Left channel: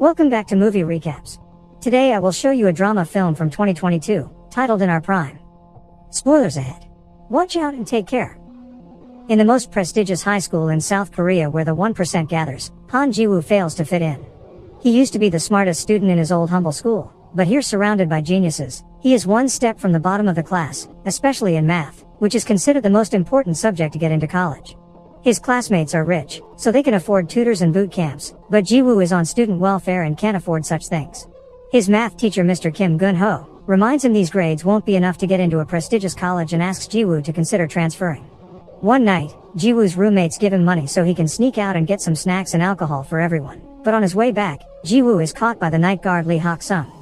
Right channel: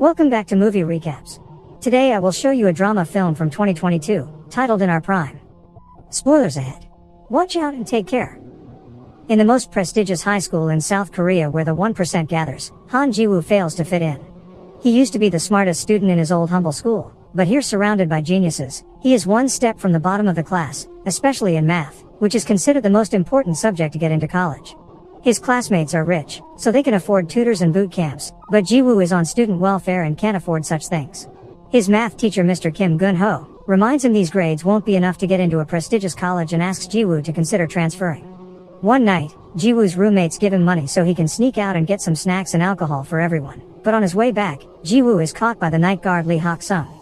Welcome back to Movie Recaps. Today I will show you a drama film from 2022, titled In Our Prime. Spoilers ahead. Watch out and take care. In the most prestigious high school in South Korea where the 1% gathers, Han Ji-woo fails to fit in. He used to be the smartest student in his old humble school, but here surrounded by geniuses, he is one step from the bottom of the class, especially in math, which is considered the most important subject to get into college. His classmates are rich, so they can afford tutors and boot camps, but Ji-woo is on student welfare and can't afford such things. His math teacher Mr. Kim Gun-ho reminds him these grades won't be enough to get into a prestigious college and asks Ji-woo to consider transferring. One night, Ji-woo's roommates give him money so he can sneak out and get some snacks and alcohol for everyone, but on his way back, Ji-woo is caught by the night guard Lee Hak-sung.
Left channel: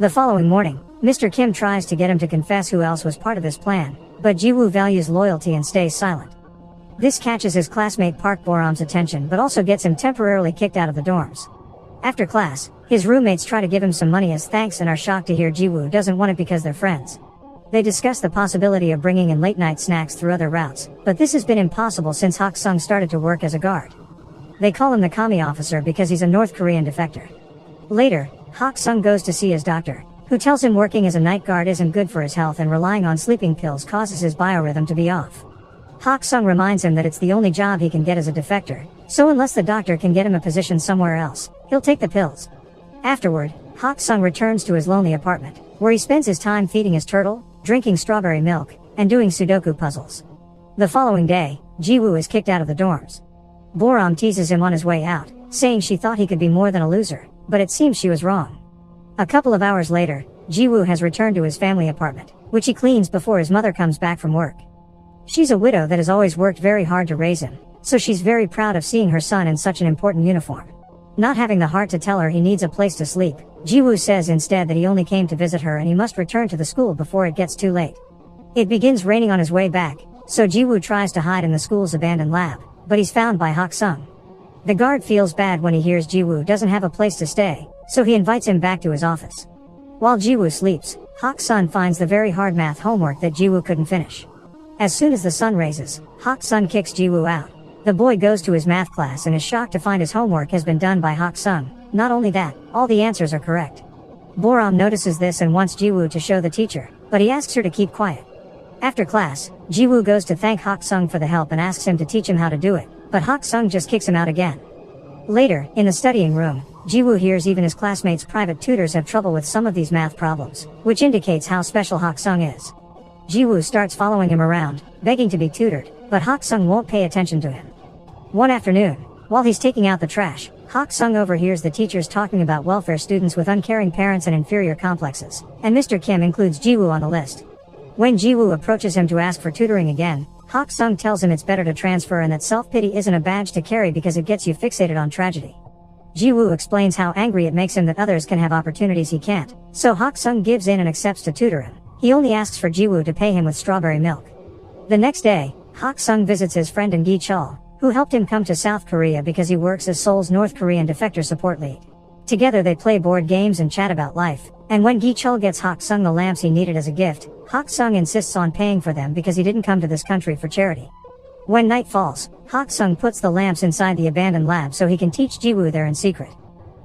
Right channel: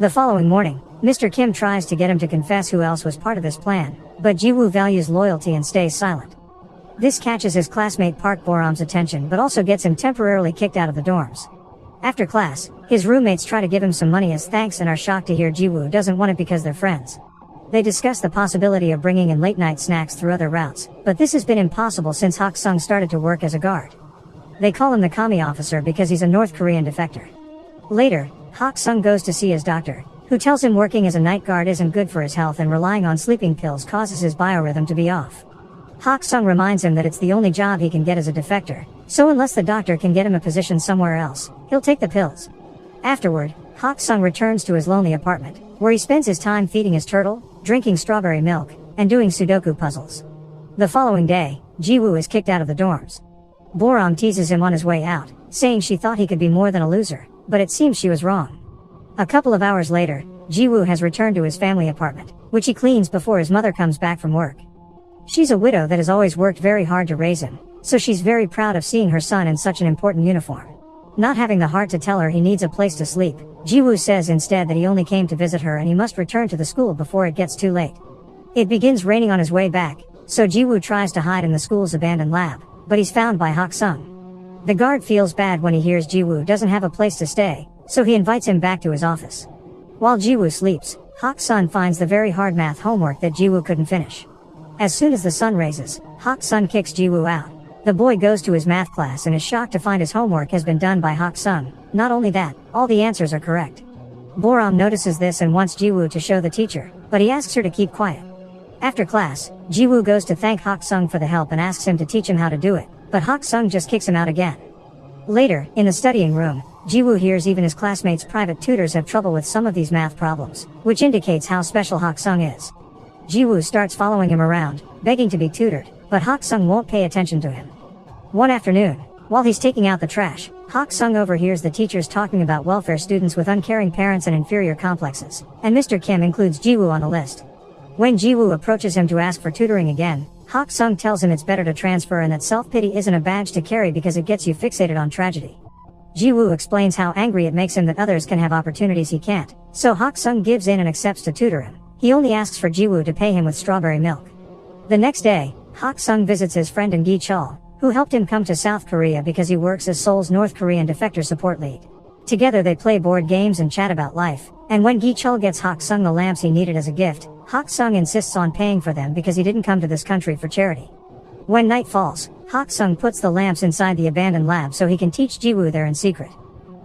The following morning, Mr. Kim tries to get him to confess who else was part of this plan, but Ji-woo values loyalty and stays silent. This catches his classmate Park Boram's attention but also gets him temporarily kicked out of the dorms. After class, his roommates try to give him some money as thanks and are shocked to hear Ji-woo doesn't want it because they're friends. They discuss the possibility of bringing in late-night snacks through other routes, but this has been impossible since Hak-sung started to work as a guard. They call him the commie officer because he's a North Korean defector. Later, Hak-sung goes to see his doctor, who tells him working as a night guard isn't good for his health and relying on sleeping pills causes his biorhythm to be off. Hak-sung reminds him that it's the only job he can get as a defector, so unless the doctor can get him a position somewhere else, he'll take the pills. Afterward, Hak-sung returns to his lonely apartment, where he spends his time feeding his turtle, drinking strawberry milk, and doing Sudoku puzzles. The following day, Ji-woo is kicked out of the dorms. Boram teases him on his way out, saying she thought he could be more than a loser, but it seems she was wrong. A couple of hours later, Ji-woo has returned to his family apartment, which he cleans before his mother comes back from work. She's a widow that has always worked very hard to raise him, so she's very proud of seeing her son in such an important uniform. Not having the heart to tell her he needs a place to sleep, Ji-woo says instead that he only came to visit her and he must return to the school before it gets too late. It begins raining on his way back, so Ji-woo tries to hide in the school's abandoned lab, but he's found by Hak-sung. The guard feels bad when he hears Ji-woo doesn't have a place to stay, so he invites him back to his office. While Ji-woo sleeps, Hak-sung finds the very hard math homework that Ji-woo couldn't finish. As soon as the sun raises, Hak-sung kicks Ji-woo out. The boy goes to his math class and is shocked to find his homework has been done by Hak-sung. Not only that, all the answers are correct. Boram notices this and wants Ji-woo to show the teacher, but he asks her to keep quiet. After class, Ji-woo goes to thank Hak-sung for the help and asks him to teach him how to do it, but Hak-sung just kicks him out again. Later, in the studying room, Ji-woo hears even his classmates' private tutors have trouble with some of these math problems, which indicates how special Hak-sung is. Ji-woo starts following him around, begging to be tutored, but Hak-sung won't pay attention to him. One afternoon, while he's taking out the trash, Hak-sung overhears the teachers talking about welfare students with uncaring parents and inferior complexes, and Mr. Kim includes Ji-woo on the list. When Ji-woo approaches him to ask for tutoring again, Hak-sung tells him it's better to transfer and that self-pity isn't a badge to carry because it gets you fixated on tragedy. Ji-woo explains how angry it makes him that others can have opportunities he can't, so Hak-sung gives in and accepts to tutor him. He only asks for Ji-woo to pay him with strawberry milk. The next day, Hak-sung visits his friend in Gi-chol, who helped him come to South Korea because he works as Seoul's North Korean defector support lead. Together they play board games and chat about life, and when Gi-chol gets Hak-sung the lamps he needed as a gift, Hak-sung insists on paying for them because he didn't come to this country for charity. When night falls, Hak-sung puts the lamps inside the abandoned lab so he can teach Ji-woo there in secret.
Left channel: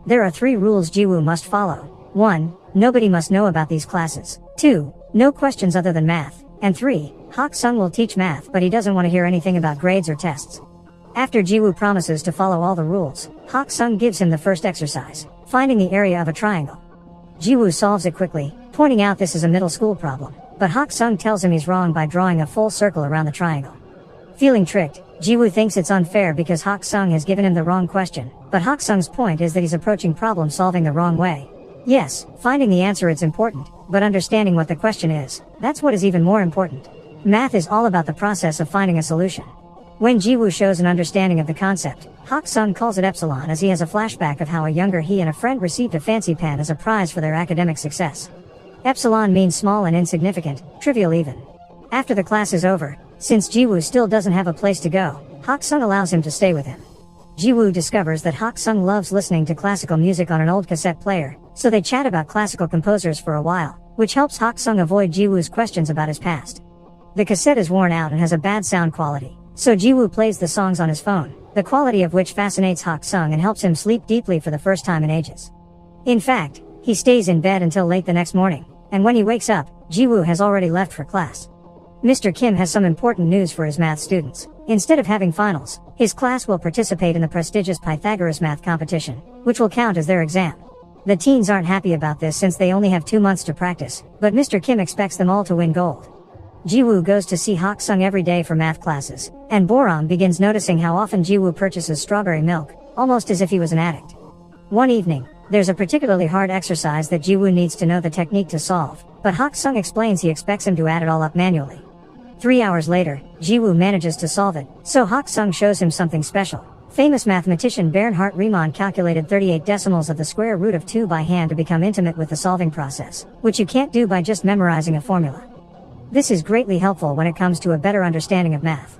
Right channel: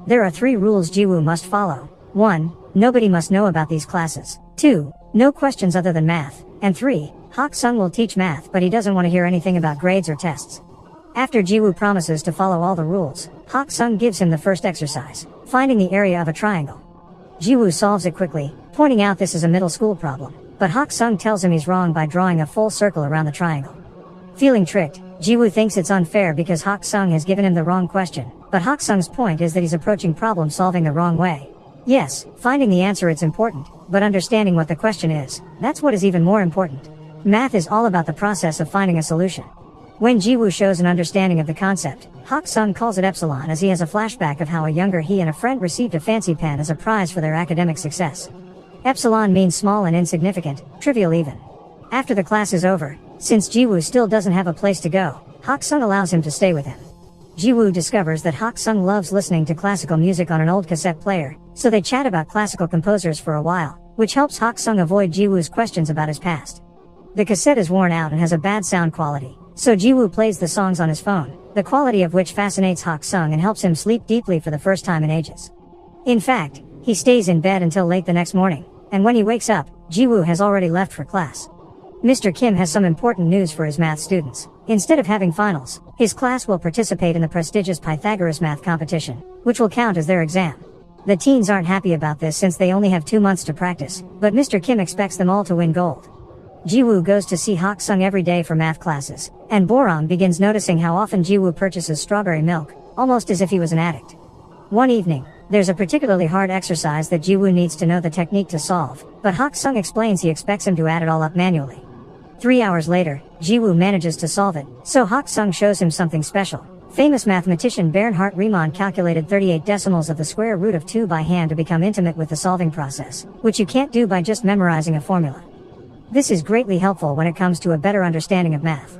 There are 3 rules Ji-woo must follow. 1. Nobody must know about these classes. 2. No questions other than math. And 3. Hak-sung will teach math but he doesn't want to hear anything about grades or tests. After Ji-woo promises to follow all the rules, Hak-sung gives him the first exercise, finding the area of a triangle. Ji-woo solves it quickly, pointing out this is a middle school problem, but Hak-sung tells him he's wrong by drawing a full circle around the triangle. Feeling tricked, Ji-woo thinks it's unfair because Hak-sung has given him the wrong question, but Hak-sung's point is that he's approaching problem solving the wrong way. Yes, finding the answer is important, but understanding what the question is, that's what is even more important. Math is all about the process of finding a solution. When Ji-woo shows an understanding of the concept, Hak-sung calls it epsilon as he has a flashback of how a younger he and a friend received a fancy pen as a prize for their academic success. Epsilon means small and insignificant, trivial even. After the class is over, since Ji-woo still doesn't have a place to go, Hak-sung allows him to stay with him. Ji-woo discovers that Hak-sung loves listening to classical music on an old cassette player, so they chat about classical composers for a while, which helps Hak-sung avoid Ji-woo's questions about his past. The cassette is worn out and has a bad sound quality, so Ji-woo plays the songs on his phone, the quality of which fascinates Hak-sung and helps him sleep deeply for the first time in ages. In fact, he stays in bed until late the next morning, and when he wakes up, Jiwoo has already left for class. Mr. Kim has some important news for his math students. Instead of having finals, his class will participate in the prestigious Pythagoras math competition, which will count as their exam. The teens aren't happy about this since they only have 2 months to practice, but Mr. Kim expects them all to win gold. Jiwoo goes to see Hak-sung every day for math classes, and Boram begins noticing how often Jiwoo purchases strawberry milk, almost as if he was an addict. One evening, there's a particularly hard exercise that Jiwoo needs to know the technique to solve, but Hak-sung explains he expects him to add it all up manually. 3 hours later, Jiwoo manages to solve it, so Hak-sung shows him something special. Famous mathematician Bernhard Riemann calculated 38 decimals of the square root of 2 by hand to become intimate with the solving process, which you can't do by just memorizing a formula. This is greatly helpful when it comes to a better understanding of math.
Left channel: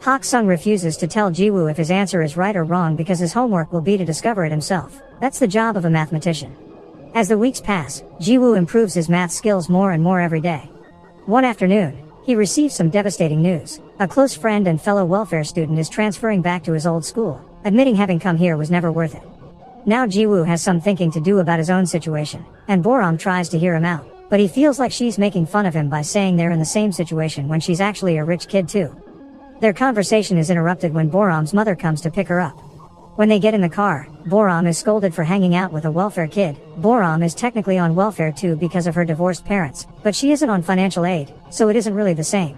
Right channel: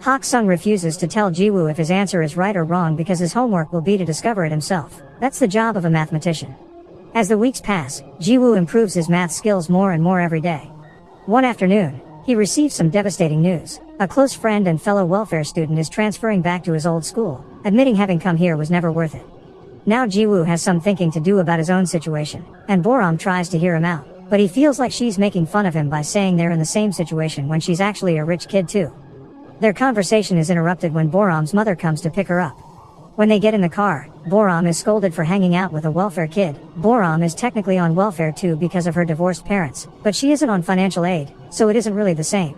Hak-sung refuses to tell Jiwoo if his answer is right or wrong because his homework will be to discover it himself. That's the job of a mathematician. As the weeks pass, Jiwoo improves his math skills more and more every day. One afternoon, he receives some devastating news. A close friend and fellow welfare student is transferring back to his old school, admitting having come here was never worth it. Now Jiwoo has some thinking to do about his own situation, and Boram tries to hear him out. But he feels like she's making fun of him by saying they're in the same situation when she's actually a rich kid too. Their conversation is interrupted when Boram's mother comes to pick her up. When they get in the car, Boram is scolded for hanging out with a welfare kid. Boram is technically on welfare too because of her divorced parents, but she isn't on financial aid, so it isn't really the same.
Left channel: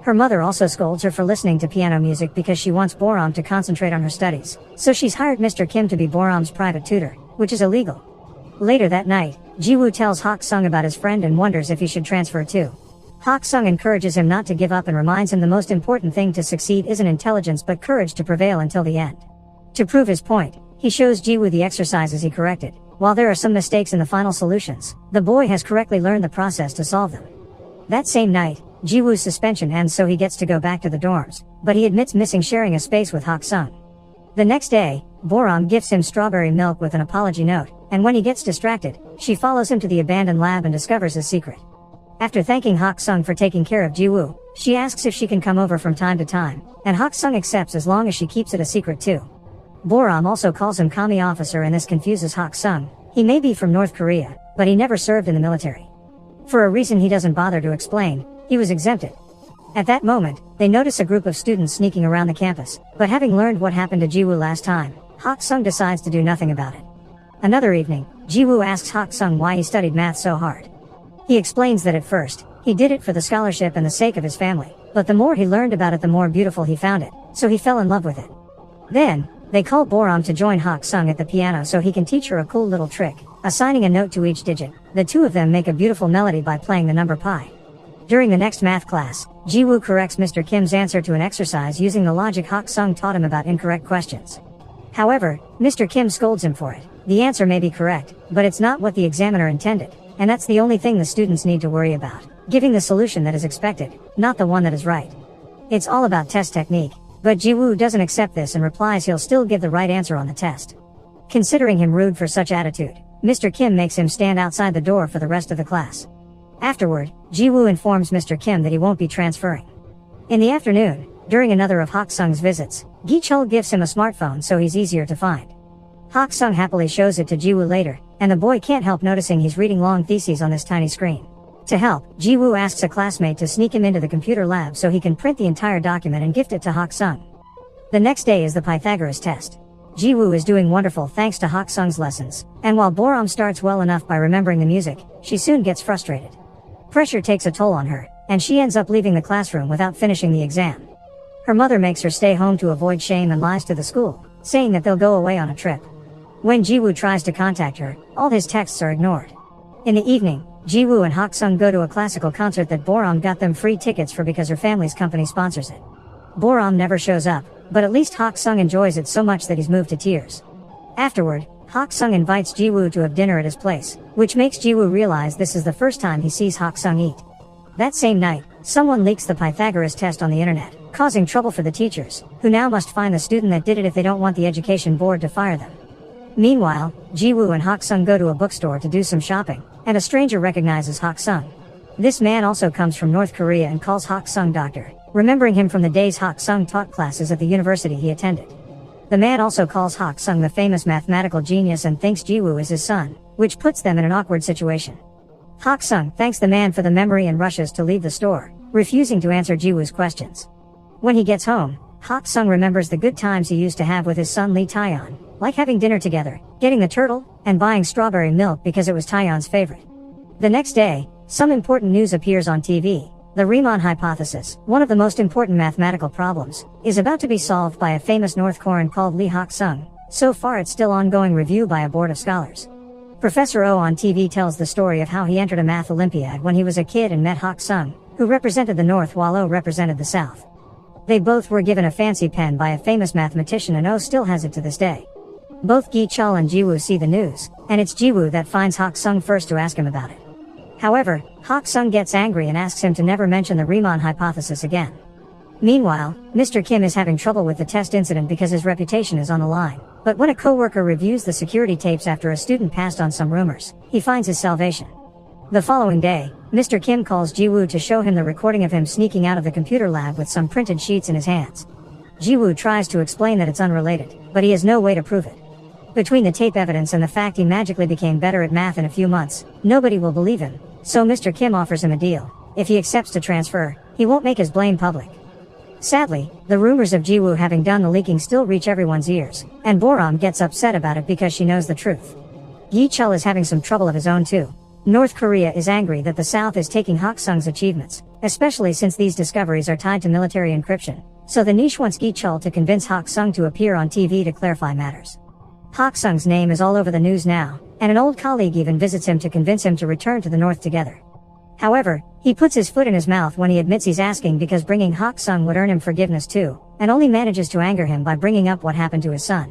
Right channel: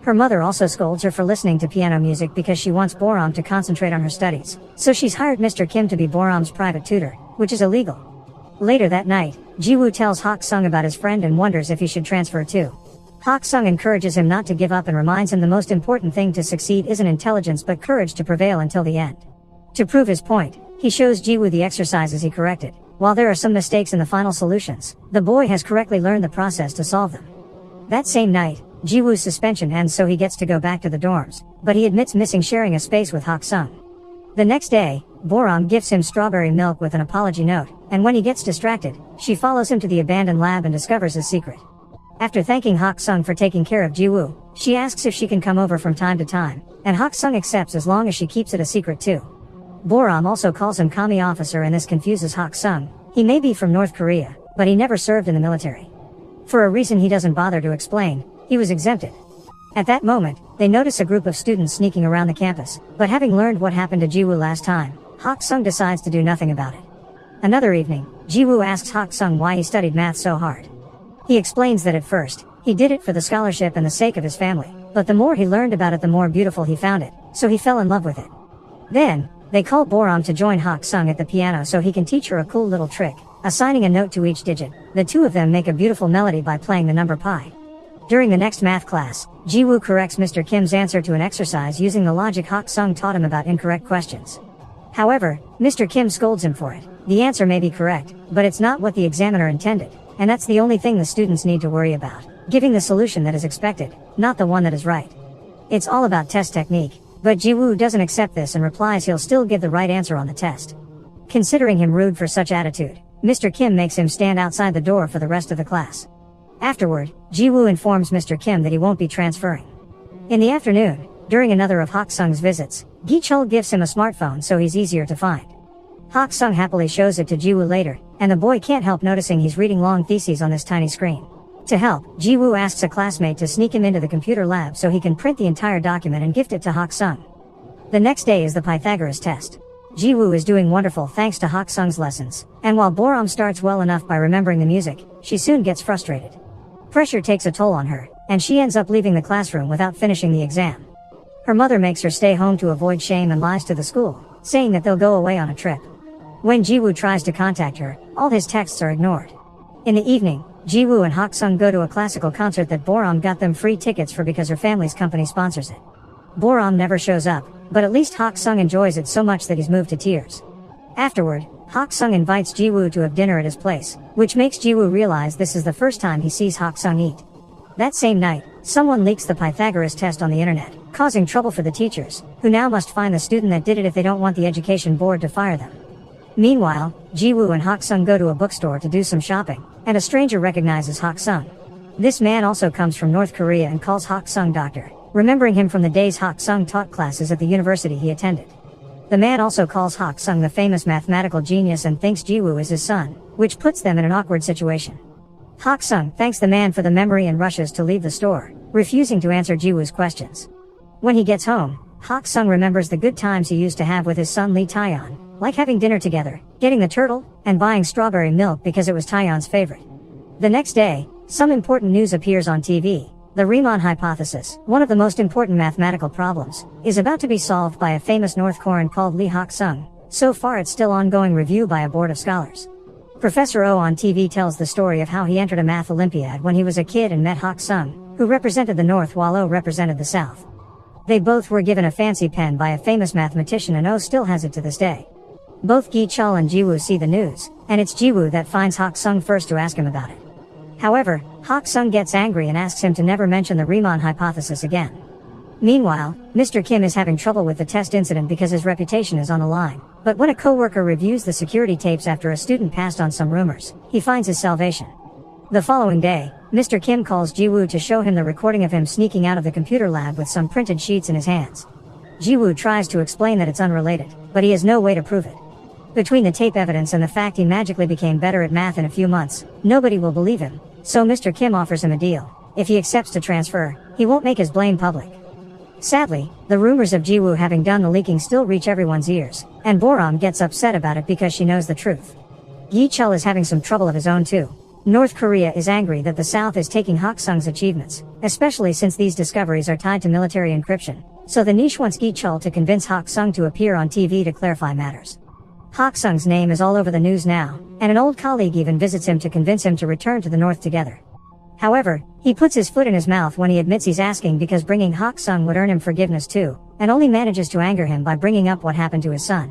Her mother also scolds her for listening to piano music because she wants Boram to concentrate on her studies, so she's hired Mr. Kim to be Boram's private tutor, which is illegal. Later that night, Jiwoo tells Hak-sung about his friend and wonders if he should transfer too. Hak-sung encourages him not to give up and reminds him the most important thing to succeed isn't intelligence but courage to prevail until the end. To prove his point, he shows Jiwoo the exercises he corrected. While there are some mistakes in the final solutions, the boy has correctly learned the process to solve them. That same night, Jiwoo's suspension ends so he gets to go back to the dorms, but he admits missing sharing a space with Hak-sung. The next day, Boram gifts him strawberry milk with an apology note, and when he gets distracted, she follows him to the abandoned lab and discovers his secret. After thanking Hak-sung for taking care of Jiwoo, she asks if she can come over from time to time, and Hak-sung accepts as long as she keeps it a secret too. Boram also calls him Kami officer and this confuses Hak-sung. He may be from North Korea, but he never served in the military. For a reason he doesn't bother to explain, he was exempted. At that moment, they notice a group of students sneaking around the campus, but having learned what happened to Jiwoo last time, Hak-sung decides to do nothing about it. Another evening, Jiwoo asks Hak-sung why he studied math so hard. He explains that at first, he did it for the scholarship and the sake of his family, but the more he learned about it the more beautiful he found it, so he fell in love with it. Then, they call Boram to join Hak-sung at the piano so he can teach her a cool little trick, assigning a note to each digit. The two of them make a beautiful melody by playing the number pi. During the next math class, Jiwoo corrects Mr. Kim's answer to an exercise using the logic Hak-sung taught him about incorrect questions. However, Mr. Kim scolds him for it. The answer may be correct, but it's not what the examiner intended, and that's the only thing the students need to worry about, giving the solution that is expected, not the one that is right. It's all about test technique, but Jiwoo doesn't accept this and replies he'll still give the right answer on the test. Considering him rude for such attitude, Mr. Kim makes him stand outside the door for the rest of the class. Afterward, Jiwoo informs Mr. Kim that he won't be transferring. In the afternoon, during another of Hak-sung's visits, Gi-chul gives him a smartphone so he's easier to find. Hak-sung happily shows it to Jiwoo later, and the boy can't help noticing he's reading long theses on this tiny screen. To help, Jiwoo asks a classmate to sneak him into the computer lab so he can print the entire document and gift it to Hak-sung. The next day is the Pythagoras test. Jiwoo is doing wonderful thanks to Hak-sung's lessons, and while Boram starts well enough by remembering the music, she soon gets frustrated. Pressure takes a toll on her, and she ends up leaving the classroom without finishing the exam. Her mother makes her stay home to avoid shame and lies to the school, saying that they'll go away on a trip. When Jiwoo tries to contact her, all his texts are ignored. In the evening, Jiwoo and Hak-sung go to a classical concert that Boram got them free tickets for because her family's company sponsors it. Boram never shows up, but at least Hak-sung enjoys it so much that he's moved to tears. Afterward, Hak-sung invites Jiwoo to have dinner at his place, which makes Jiwoo realize this is the first time he sees Hak-sung eat. That same night, someone leaks the Pythagoras test on the internet, causing trouble for the teachers, who now must find the student that did it if they don't want the education board to fire them. Meanwhile, Jiwoo and Hak-sung go to a bookstore to do some shopping, and a stranger recognizes Hak-sung. This man also comes from North Korea and calls Hak-sung doctor, remembering him from the days Hak-sung taught classes at the university he attended. The man also calls Hak-sung the famous mathematical genius and thinks Jiwoo is his son, which puts them in an awkward situation. Hak-sung thanks the man for the memory and rushes to leave the store, refusing to answer Ji-woo's questions. When he gets home, Hak-sung remembers the good times he used to have with his son Lee Taeyeon, like having dinner together, getting the turtle, and buying strawberry milk because it was Taeyeon's favorite. The next day, some important news appears on TV. The Riemann hypothesis, one of the most important mathematical problems, is about to be solved by a famous North Korean called Lee Hak-sung. So far it's still ongoing review by a board of scholars. Professor Oh on TV tells the story of how he entered a math Olympiad when he was a kid and met Hak-sung, who represented the North while Oh represented the South. They both were given a fancy pen by a famous mathematician and Oh still has it to this day. Both Gi-chul and Ji-woo see the news, and it's Ji-woo that finds Hak-sung first to ask him about it. However, Hak-sung gets angry and asks him to never mention the Riemann hypothesis again. Meanwhile, Mr. Kim is having trouble with the test incident because his reputation is on the line. But when a coworker reviews the security tapes after a student passed on some rumors, he finds his salvation. The following day, Mr. Kim calls Ji-woo to show him the recording of him sneaking out of the computer lab with some printed sheets in his hands. Ji-woo tries to explain that it's unrelated, but he has no way to prove it. Between the tape evidence and the fact he magically became better at math in a few months, nobody will believe him, so Mr. Kim offers him a deal. If he accepts to transfer, he won't make his blame public. Sadly, the rumors of Ji-woo having done the leaking still reach everyone's ears, and Boram gets upset about it because she knows the truth. Gi-chul is having some trouble of his own too. North Korea is angry that the South is taking Hak-sung's achievements, especially since these discoveries are tied to military encryption, so the niche wants Gi-chul to convince Hak-sung to appear on TV to clarify matters. Hak-sung's name is all over the news now, and an old colleague even visits him to convince him to return to the North together. However, he puts his foot in his mouth when he admits he's asking because bringing Hak-sung would earn him forgiveness too, and only manages to anger him by bringing up what happened to his son.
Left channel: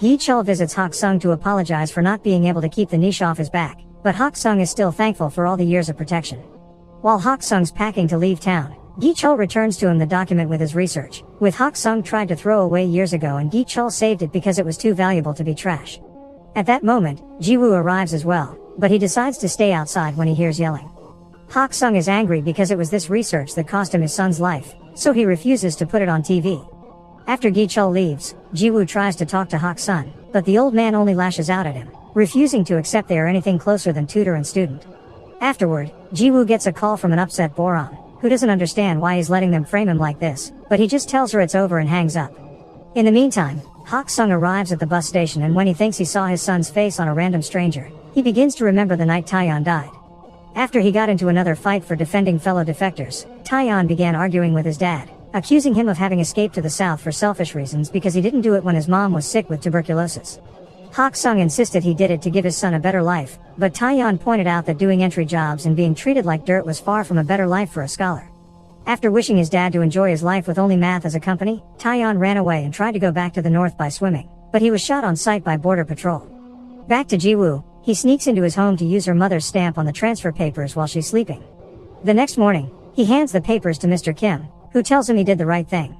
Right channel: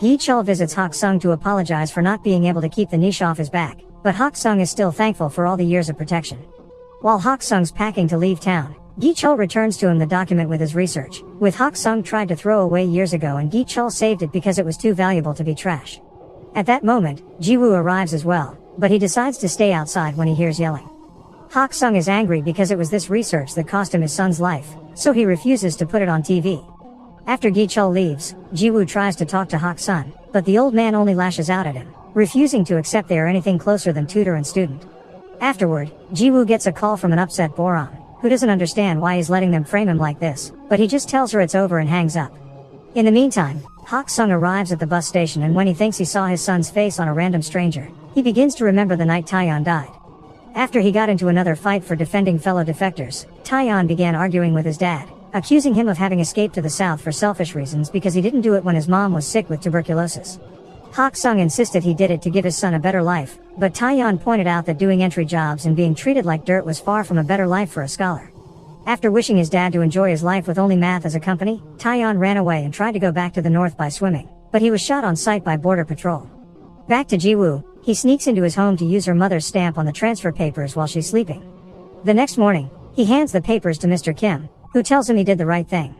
Gi-chul visits Hak-sung to apologize for not being able to keep the niche off his back, but Hak-sung is still thankful for all the years of protection. While Hak-sung's packing to leave town, Gi-chul returns to him the document with his research, which Hak-sung tried to throw away years ago and Gi-chul saved it because it was too valuable to be trash. At that moment, Ji-woo arrives as well, but he decides to stay outside when he hears yelling. Hak-sung is angry because it was this research that cost him his son's life, so he refuses to put it on TV. After Gi-chul leaves, Ji-woo tries to talk to Hak-sung, but the old man only lashes out at him, refusing to accept they are anything closer than tutor and student. Afterward, Ji-woo gets a call from an upset Boram, who doesn't understand why he's letting them frame him like this, but he just tells her it's over and hangs up. In the meantime, Hak-sung arrives at the bus station and when he thinks he saw his son's face on a random stranger, he begins to remember the night Taeyeon died. After he got into another fight for defending fellow defectors, Taeyeon began arguing with his dad, accusing him of having escaped to the south for selfish reasons because he didn't do it when his mom was sick with tuberculosis. Hak-sung insisted he did it to give his son a better life, but Taeyeon pointed out that doing entry jobs and being treated like dirt was far from a better life for a scholar. After wishing his dad to enjoy his life with only math as a company, Taeyeon ran away and tried to go back to the north by swimming, but he was shot on sight by border patrol. Back to Ji-woo, he sneaks into his home to use her mother's stamp on the transfer papers while she's sleeping. The next morning, he hands the papers to Mr. Kim, who tells him he did the right thing.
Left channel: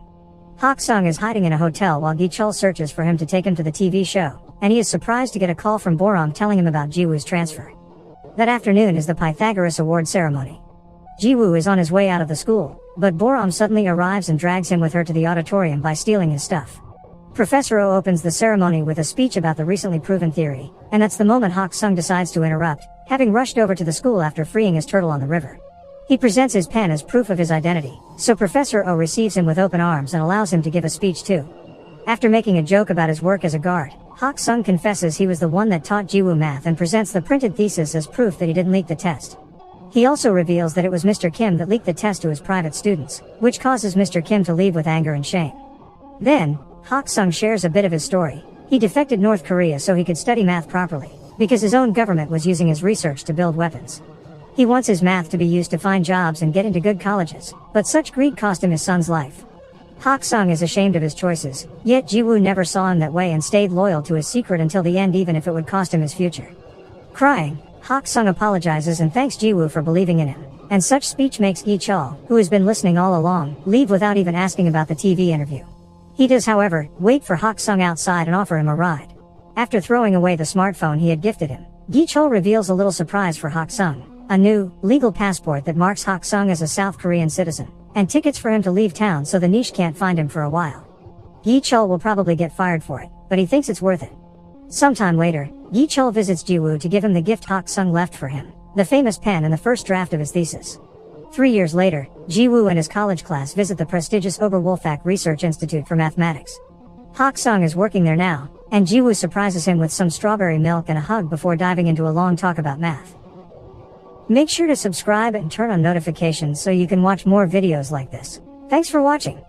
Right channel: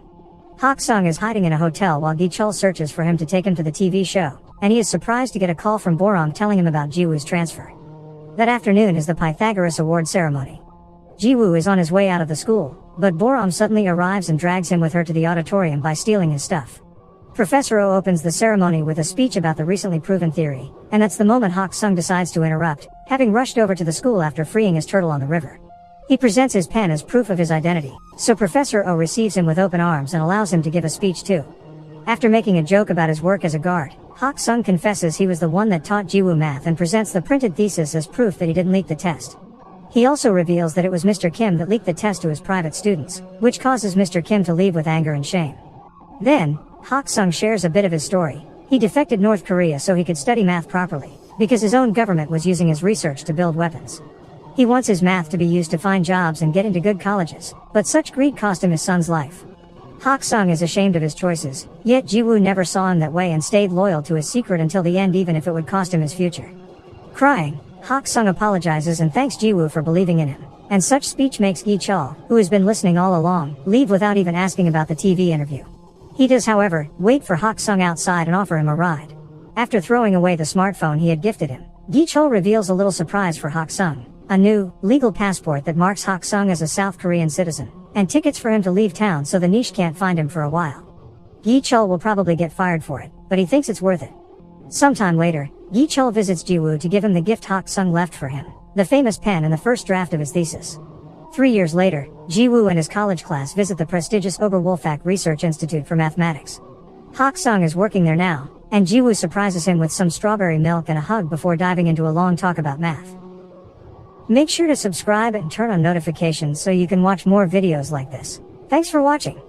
Hak-sung is hiding in a hotel while Gi-chul searches for him to take him to the TV show, and he is surprised to get a call from Boram telling him about Ji-woo's transfer. That afternoon is the Pythagoras Award ceremony. Ji-woo is on his way out of the school, but Boram suddenly arrives and drags him with her to the auditorium by stealing his stuff. Professor Oh opens the ceremony with a speech about the recently proven theory, and that's the moment Hak-sung decides to interrupt, having rushed over to the school after freeing his turtle on the river. He presents his pen as proof of his identity, so Professor O receives him with open arms and allows him to give a speech too. After making a joke about his work as a guard, Hak-sung confesses he was the one that taught Ji-woo math and presents the printed thesis as proof that he didn't leak the test. He also reveals that it was Mr. Kim that leaked the test to his private students, which causes Mr. Kim to leave with anger and shame. Then, Hak-sung shares a bit of his story. He defected North Korea so he could study math properly, because his own government was using his research to build weapons. He wants his math to be used to find jobs and get into good colleges, but such greed cost him his son's life. Hak-sung is ashamed of his choices, yet Ji-woo never saw him that way and stayed loyal to his secret until the end even if it would cost him his future. Crying, Hak-sung apologizes and thanks Ji-woo for believing in him, and such speech makes Gi-chul, who has been listening all along, leave without even asking about the TV interview. He does, however, wait for Hak-sung outside and offer him a ride. After throwing away the smartphone he had gifted him, Gi-chul reveals a little surprise for Hak-sung. A new, legal passport that marks Hak-sung as a South Korean citizen, and tickets for him to leave town so the niche can't find him for a while. Gi-chul will probably get fired for it, but he thinks it's worth it. Sometime later, Yi Chul visits Jiwoo to give him the gift Hak Sung left for him, the famous pen and the first draft of his thesis. 3 years later, Jiwoo and his college class visit the prestigious Oberwolfach Research Institute for Mathematics. Hak Sung is working there now, and Jiwoo surprises him with some strawberry milk and a hug before diving into a long talk about math. Make sure to subscribe and turn on notifications so you can watch more videos like this. Thanks for watching.